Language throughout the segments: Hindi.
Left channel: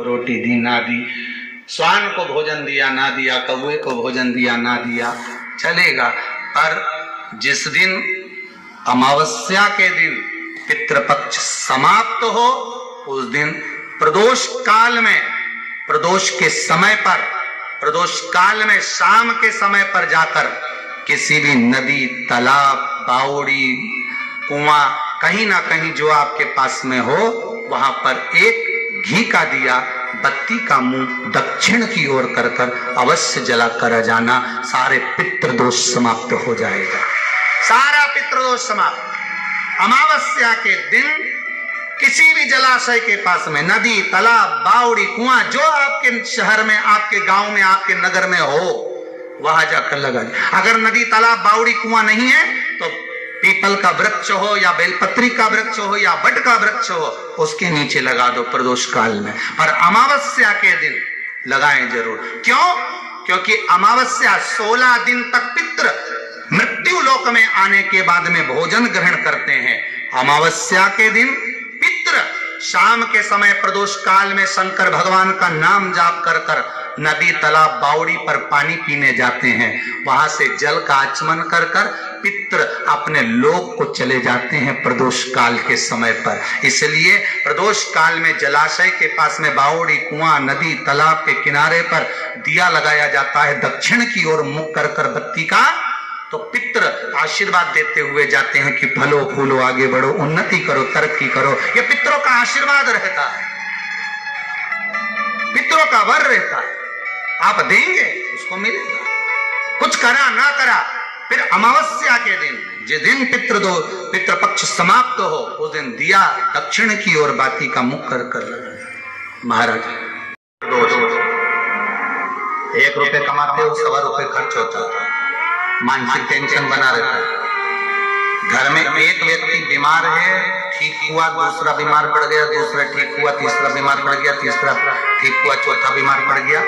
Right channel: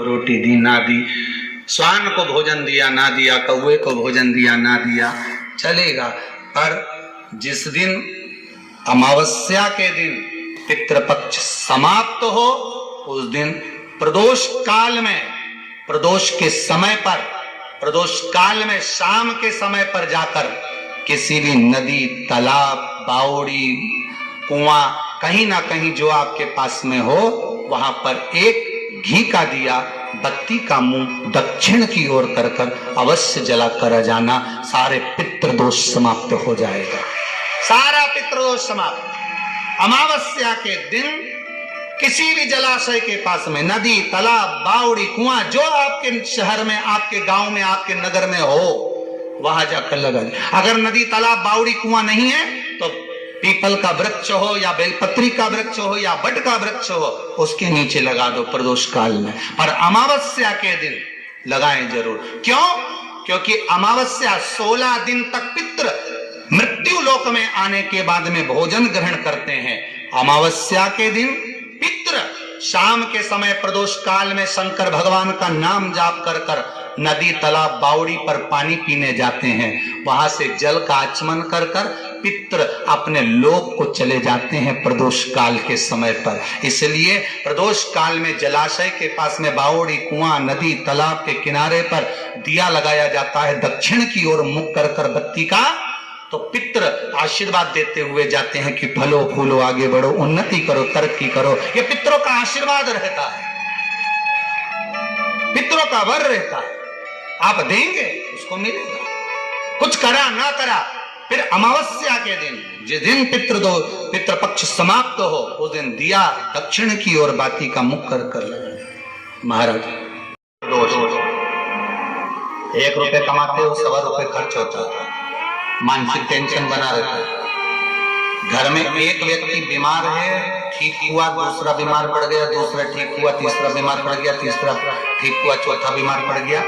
रोटी दी ना दी, स्वान को भोजन दिया ना दिया, कौवे को भोजन दिया ना दिया, चलेगा। पर जिस दिन अमावस्या के दिन पितृपक्ष समाप्त हो, उस दिन प्रदोष काल में, प्रदोष के समय पर, प्रदोष काल में शाम के समय पर जाकर किसी भी नदी, तालाब, बावड़ी, कुआं, कहीं ना कहीं जो आपके पास में हो, वहां पर एक घी का दिया, बत्ती का मुंह दक्षिण की ओर कर कर अवश्य जला कर जाना। सारे पितृदोष समाप्त हो जाएगा, सारा पितृदोष समाप्त। अमावस्या के दिन किसी भी जलाशय के पास में, नदी, तालाब, बावड़ी, कुआं, जो आपके शहर में, आपके गांव में, आपके नगर में हो, वहां जाकर लगाए। अगर नदी, तालाब, बावड़ी, कुआं नहीं है तो पीपल का वृक्ष हो या बेलपत्री का वृक्ष हो या बट का वृक्ष हो, उसके नीचे लगा दो प्रदोष काल में। और अमावस्या के दिन लगाएं जरूर। क्यों? क्योंकि अमावस्या 16 दिन तक पितृ मृत्यु लोक में आने के बाद में भोजन ग्रहण करते हैं। अमावस्या के दिन पितृ शाम के समय प्रदोष काल में शंकर भगवान का नाम जाप कर कर नदी, तालाब, बावड़ी पर पानी पीने जाते हैं। वहां से जल का आचमन कर कर पितृ अपने लोक को चले जाते हैं प्रदोष काल के समय पर। इसलिए प्रदोष काल में जलाशय के पास में, बावड़ी, कुआं, नदी, तालाब के किनारे पर दिया लगाया जाता है दक्षिण की ओर मुख कर कर बत्ती का। तो पितृ आशीर्वाद देते हुए जाते हैं कि फलो फूलो, आगे बढ़ो, उन्नति करो, तरक्की करो। ये पितरों का आशीर्वाद रहता है, पितरों का वर रहता है। आप देंगे उसको मिलेगा, कुछ करा ना करा। फिर अमावस्या के दिन, जिस दिन पितृपक्ष समाप्त हो, उस दिन दिया दक्षिण की ओर बाती का मुख कर कर लगा। महाराज 1 रुपए कमाते हो, 1.25 रुपए खर्च होता है, मानसिक टेंशन बना रहता है। घर में एक व्यक्ति बीमार है, ठीक हुआ, दूसरा बीमार पड़ गया, दूसरा ठीक हुआ, तीसरा बीमार पड़ गया, तीसरा ठीक हुआ, चौथा बीमार पड़ गया।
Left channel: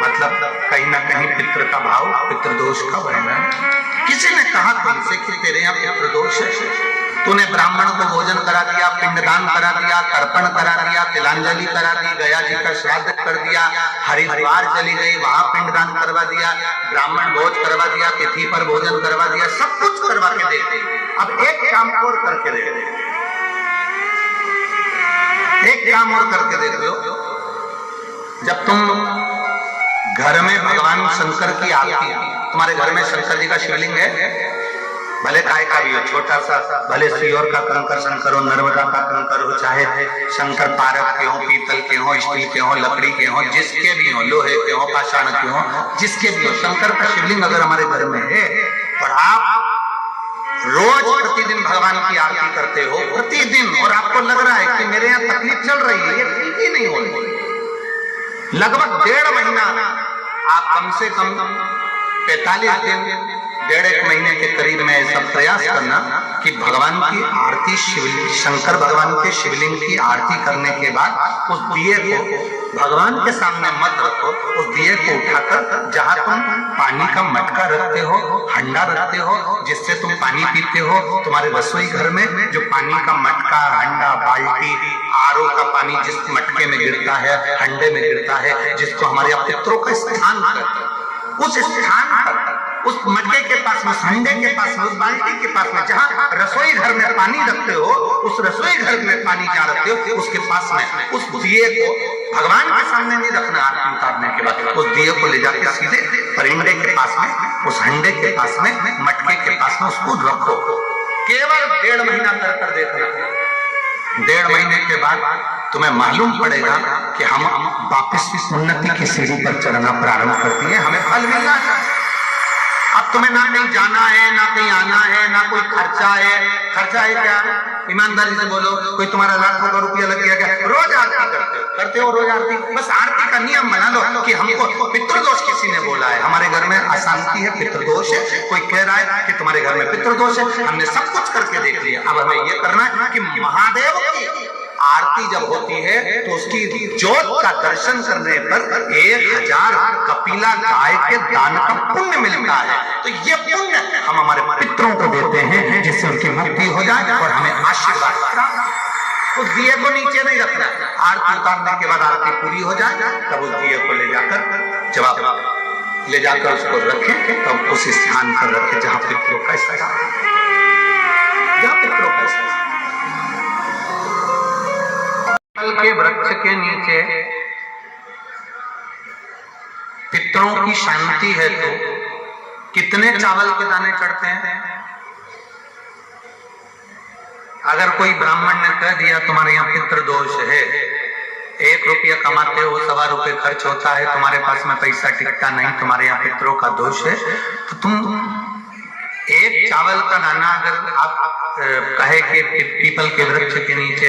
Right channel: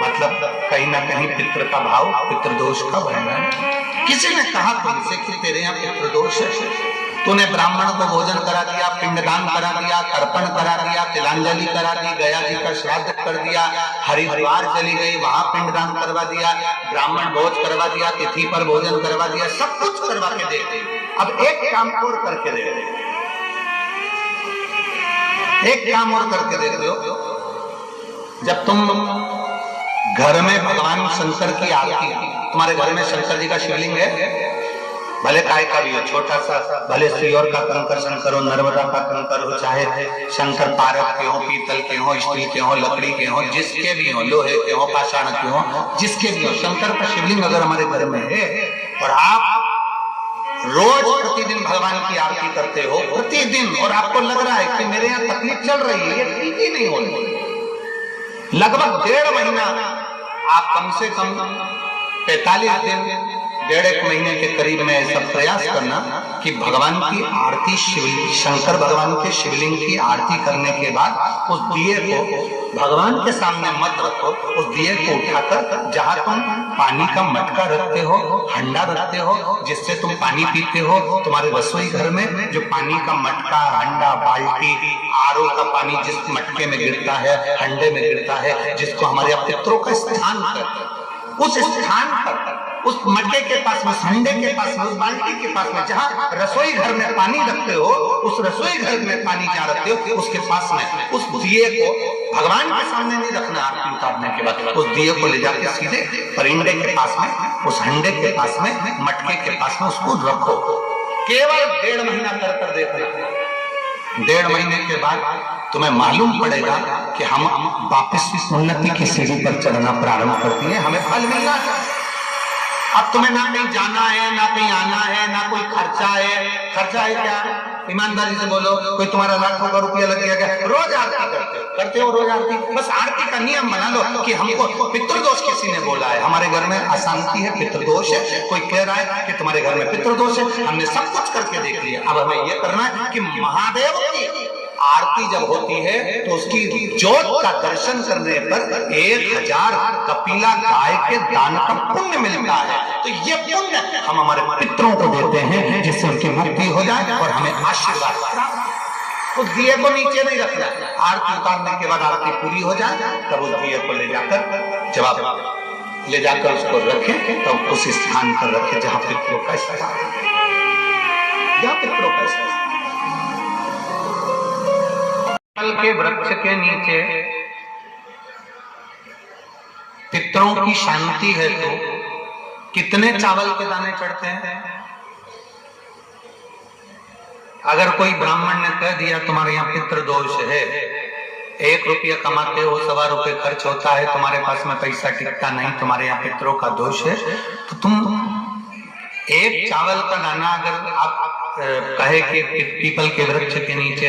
मतलब कहीं ना कहीं पितृ का भाव, पितृदोष का बढ़ना है। किसी ने कहा तुमसे कि तेरे यहाँ पितृदोष है, तूने ब्राह्मण को भोजन करा दिया, पिंडदान करा दिया, तर्पण करा दिया, तिलांजलि करा दी, गया जी का श्राद्ध कर दिया, हरिद्वार चली गई, वहां पिंडदान करवा दिया, ब्राह्मण भोज करवा दिया, तिथि पर भोजन करवा दिया, सब कुछ करवा के देते। अब एक काम और करके दे रहे, एक काम और करके दे रहे हो। जब तुम घर में भगवान शंकर की आरती, तुम्हारे घर में शंकर जी का शिवलिंग है, भले काय का भी हो, छोटा सा, भले सियोर का कंकर शंकर हो, नर्मदा का कंकर हो, चाहे शंकर पारक के हो, पीतल के हो, स्टील के हो, लकड़ी के हो, जिसके भी हो, लोहे के हो, पाषाण के हो, जिसके भी हो, शंकर का शिवलिंग अगर हमारे घर में है और आप रोज प्रतिदिन भगवान की आरती करते हो, प्रतिदिन, और आपको लग रहा है कि मेरे यहाँ तकलीफ चल रही है, ये ठीक ही नहीं हो रही, लगभग 1.5 महीना आप कम से कम 45 दिन, 1.5 महीने के करीब में ऐसा प्रयास करना कि भगवान की आरती, शिवलिंग, शंकर भगवान के शिवलिंग की आरती करने के बाद उस दिए को भगवान के सामने मत रखो, उस दिए को उठाकर जहां तुम पानी का मटका रखते हो, हंडा रखते हो, जिससे तुम पानी पीते हो, तुम्हारे रसोई घर में जो पानी का मटका, हंडा, बाल्टी, आरओ का पानी जिस मटके में गिरता है, हंडे में गिरता है, जिसको हमारे पितरों का स्थान करते, उस स्थान पर, उस मटके के पास में, हंडे के पास में, उस बाल्टी के पास में, जहाँ रसोई घर में पानी रखते हो, उस रसोई घर में पानी जहाँ रखते हो, उसके पास में उस दिए को भगवान के सामने नहीं रखना। आरती उतारने के बाद उस दिए को ले जाके सीधे परिंडे के पास में, उस हंडे के पास में, मटके के पास में उसको रखो। केवल 1.5 महीना कर देखना। 1.5 महीने के बाद तुम्हें मालूम पड़ेगा कि हम वापस इस उन्नति की सीढ़ी पर चढ़ना प्रारंभ करती है, हमें फल मिलना है। अब तुम्हें ना कहीं जाना है, ना कहीं आना है, ना कोई खर्चा है। खर्चा है क्या? ईमानदारी से बोलो, कोई तुम्हारा लाखों का रुपया लग गया क्या? रोज आरती करते हो रोज आरती। बस आरती का नियम बना लो कि हमको पितृदोष किसी ने बोला है, हमारे घर में अशांति है, पितृदोष है, कोई कह रहा है कि तुम्हारे घर में पितृदोष है। हमने सब कुछ करके देख लिया, अब हमें ये करना है कि महादेव की आरती जब होती है तो उसकी ज्योत का दर्शन करने पर 1000 कपिला गाय के दान का पुण्य मिलता है। तो ये पुण्य हम हमारे पितरों को देते हैं, जिससे उनकी मुक्ति हो जाए और हमें आशीर्वाद प्राप्त। उस दिए को नीचे नहीं रखना, आरती उतारने के बाद आरती पूरी हो जाए तब उस दिए को ले जाकर ले जाकर उसको रखें, तो उस स्थान पर रखें जहां पितरों का स्थान, जहां पितरों का स्थान। पीपल के वृक्ष के नीचे पितरों की शांति है तो कितने चावल के दाने चढ़ते हैं? अगर कोई ब्राह्मण ने कह दिया तुम्हारे यहाँ पितृ दोष है, 1 रुपया कमाते हो, 1.25 रुपये खर्च होता है, तुम्हारे पास में पैसा टिकता नहीं, तुम्हारे यहाँ पितरों का दोष है, तो तुम एक चावल का दाना अगर आप कहे कि पीपल के वृक्ष के नीचे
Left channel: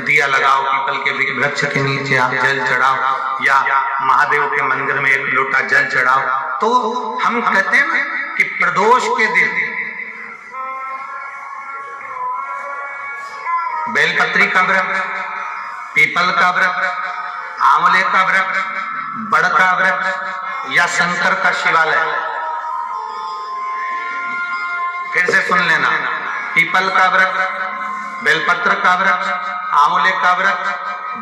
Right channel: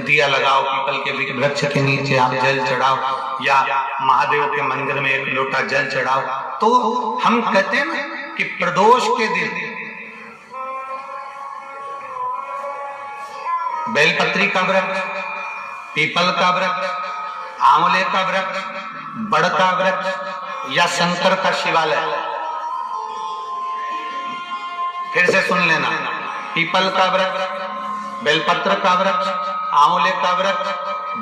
दिया लगाओ, पीपल के वृक्ष के नीचे आप जल चढ़ाओ, या महादेव के मंदिर में 1 लोटा जल चढ़ाओ, तो हम कहते हैं ना कि प्रदोष के दिन बेलपत्री का वृक्ष, पीपल का वृक्ष, आंवले का वृक्ष, बड़ का वृक्ष या शंकर का शिवालय, फिर से सुन लेना, पीपल का वृक्ष, बेलपत्र का वृक्ष, आंवले का वृक्ष,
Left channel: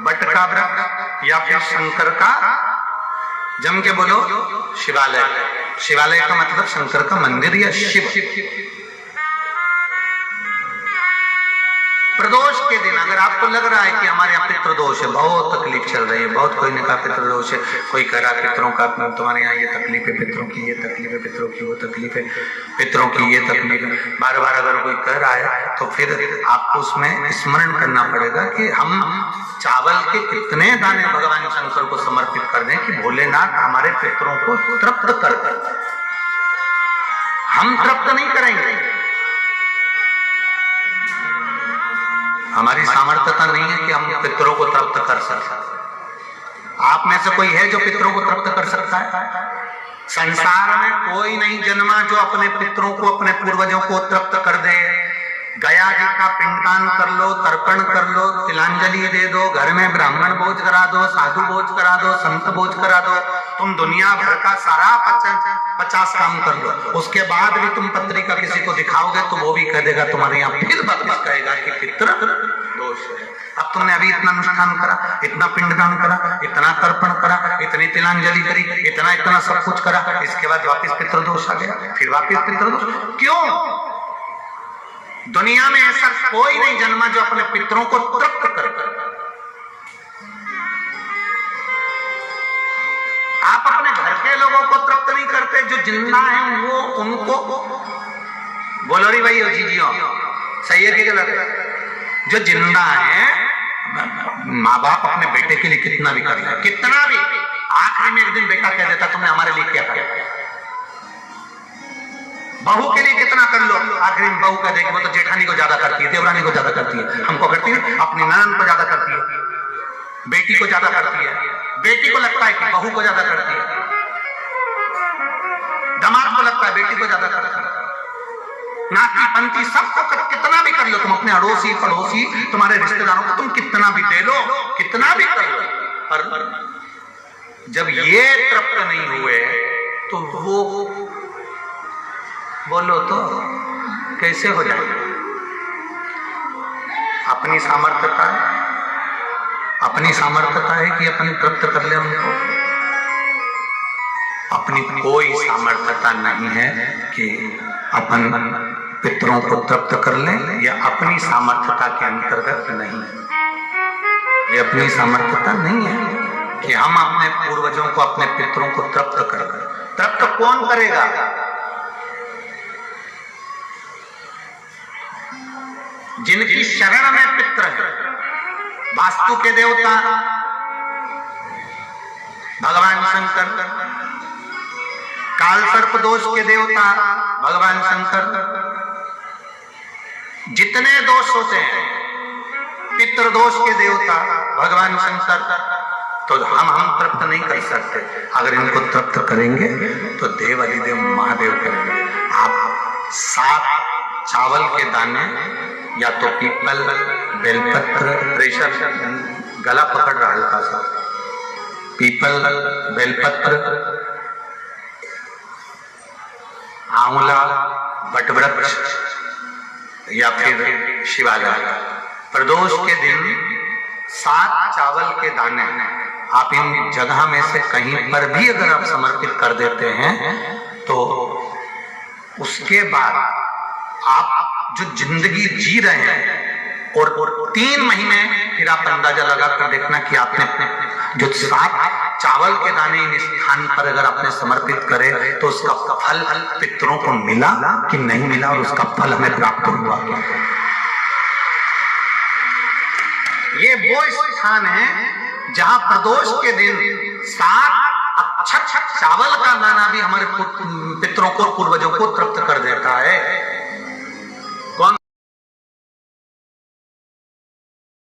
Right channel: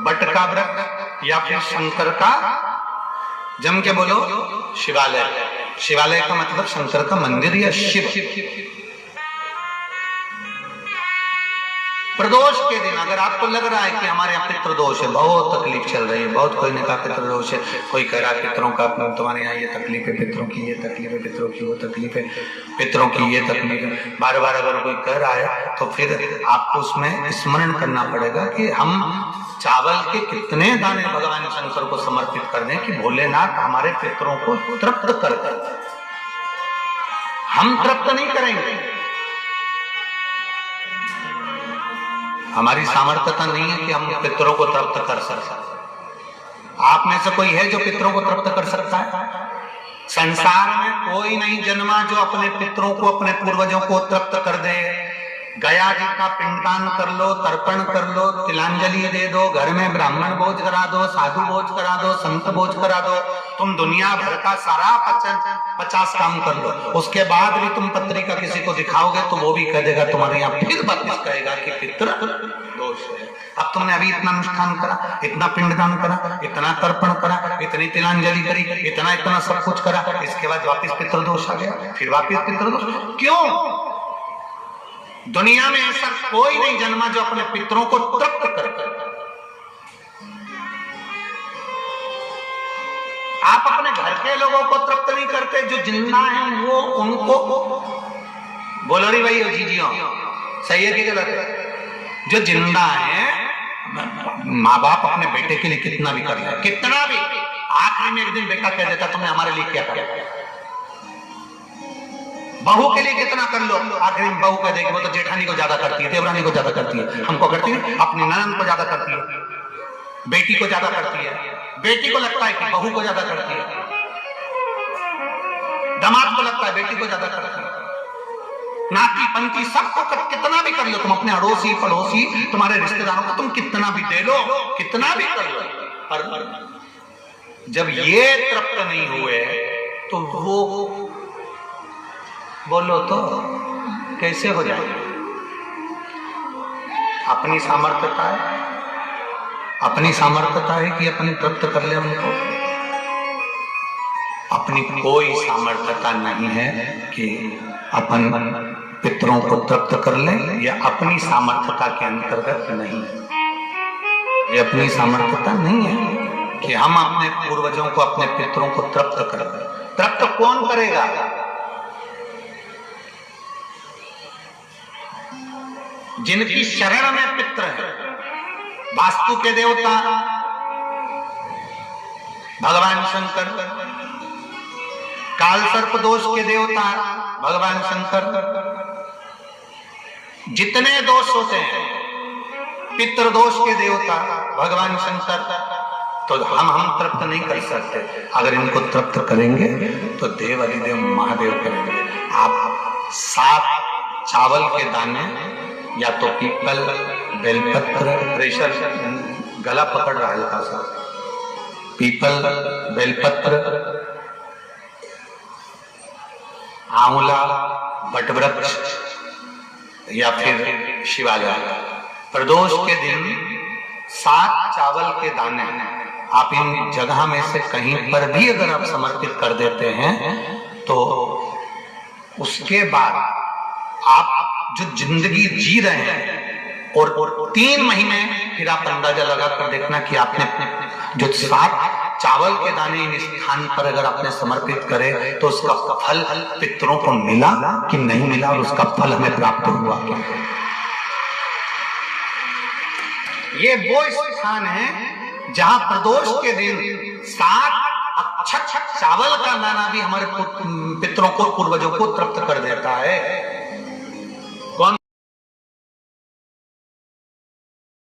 बट का वृक्ष या फिर शंकर का, जम के बोलो, शिवालय। शिवालय का मतलब शंकर का मंदिर या शिव। प्रदोष के दिन अगर आपको लग रहा है कि हमारे यहाँ पितृदोष है, बहुत तकलीफ चल रही है, बहुत कोई ने कहा पितृदोष है, कोई कह रहा पितरों का तुम्हारे यहाँ ये तकलीफ है, पितरों की ये तकलीफ है, पितरों की वो तकलीफ है, पितरों की ये तकलीफ है, बार बार अगर कोई कह रहा है तो फिर आपको उसमें स्मरण करना पड़ेगा कि हम चावल के कितने दाने भगवान शंकर को समर्पित कर दें कि भोलेनाथ हमारे पितरों को तृप्त कर दें। हम तृप्त नहीं करेंगे, हमारी सामर्थ्यता नहीं है कि हम पितरों को तृप्त कर सकते। आप में से कोई है जो पितरों को तृप्त कर सकता है? संसार में कोई नहीं जन्मा जो अपने पितरों को, अपने पूर्वजों को तृप्त कर दे। गया जी का पिंडदान कर लो, तर्पण कर लो, तिलांजलि दे दो, घर में ब्राह्मण भोज करा दो, साधु भोज करा दो, संत भोज करा दो, तुम दुनिया भर का सारा 50 काम कर लो, उसके बाद भी तुम पत्रिका किसी को दिखाओगे तो वो भी कह देगा तुम्हारे यहाँ, फिर वापस कहेगा कि पितृ दोष है। अब तुमने अभी इतना अनुष्ठान करा, इतना पिंडदान करा, इतना तर्पण करा, इतनी तिलांजलि करी, इतना सब कुछ करा, इसके बाद वापिस पितृदोष आ गया, फिर वापिस पितृदोष। क्यों? दुनिया में ऐसा कोई नहीं जन्मा जो अपने पितरों को तृप्त करता। आप अपने घर के लोगों को तृप्त नहीं करते, जो जिंदा हैं वो उनको बोलो री भाई जीजियो, सही है कि गलत है? जो जिंदा हैं, माँ बाप अपने बेटे के लिए कितना भी कर ले, कितना भी, आखिरी में एक दिन बेटा कह देता तुमने हमारे लिए क्या किया। बहू के लिए कितना कर लो, आखिरी में बहू कह देगी वो तो जेठानी को ज्यादा करती है, देवरानी को ज्यादा करती है, हमको करती है, अपनी ननद को ज्यादा करती है, बेटी को ज्यादा करती है, बेटी को लगता है कि बहू को ज्यादा करती है, दामाद को लगता है बेटी को ज्यादा करती है, नाती पंती सबको कितना भी कर लो, तुम अपने अड़ोसी पड़ोसी तुम्हारे रिश्तेदारों को तुम कितना भी दे लो, कितना भी कर लो, पर जब ये तृप्त नहीं हुए तो वो बोलो तो कैसे हो जाएगा? अपनी सामर्थ्यता है, अपनी सामर्थ्यता है कि अपनी तृप्त कर ले उनको, अपनी कोई सामर्थ्यता नहीं है कि अपन पितरों को तृप्त कर ले, या अपनी सामर्थ्यता के अंतर्गत नहीं, ये अपनी सामर्थ्यता नहीं है कि हम अपने पूर्वजों को, अपने पितरों को तृप्त कर। तृप्त कौन करेगा? जिनकी शरण में पितर है, वास्तु के देवता भगवान शंकर, काल सर्प दोष के देवता भगवान शंकर, जितने दोष होते हैं पितृ दोष के देवता भगवान शंकर, तो हम तृप्त नहीं कर सकते। अगर इनको तृप्त करेंगे तो देव अधिदेव महादेव करेंगे। आप 7 चावल के दाने, या तो पीपल, बेलपत्र, प्रेशर गला पकड़ रहा हल्का सा, पीपल, बेलपत्र, आंवला, बटवृक्ष या फिर शिवालय, प्रदोष के दिन 7 चावल के दाने आप इन जगह में से कहीं पर भी अगर आप समर्पित कर देते हैं तो उसके बाद आप जो जिंदगी जी रहे हैं और 3 महीने फिर आप अंदाजा लगा कर देखना कि आपने जो 7 चावल के दाने इन स्थान पर अगर आपने समर्पित करे तो उसका फल पितरों को मिला कि नहीं मिला और उसका फल हमें प्राप्त हुआ। ये वो स्थान है जहां प्रदोष के दिन 7 अक्षत चावल का दाना भी हमारे पितरों को पूर्वजों को तृप्त कर देता है।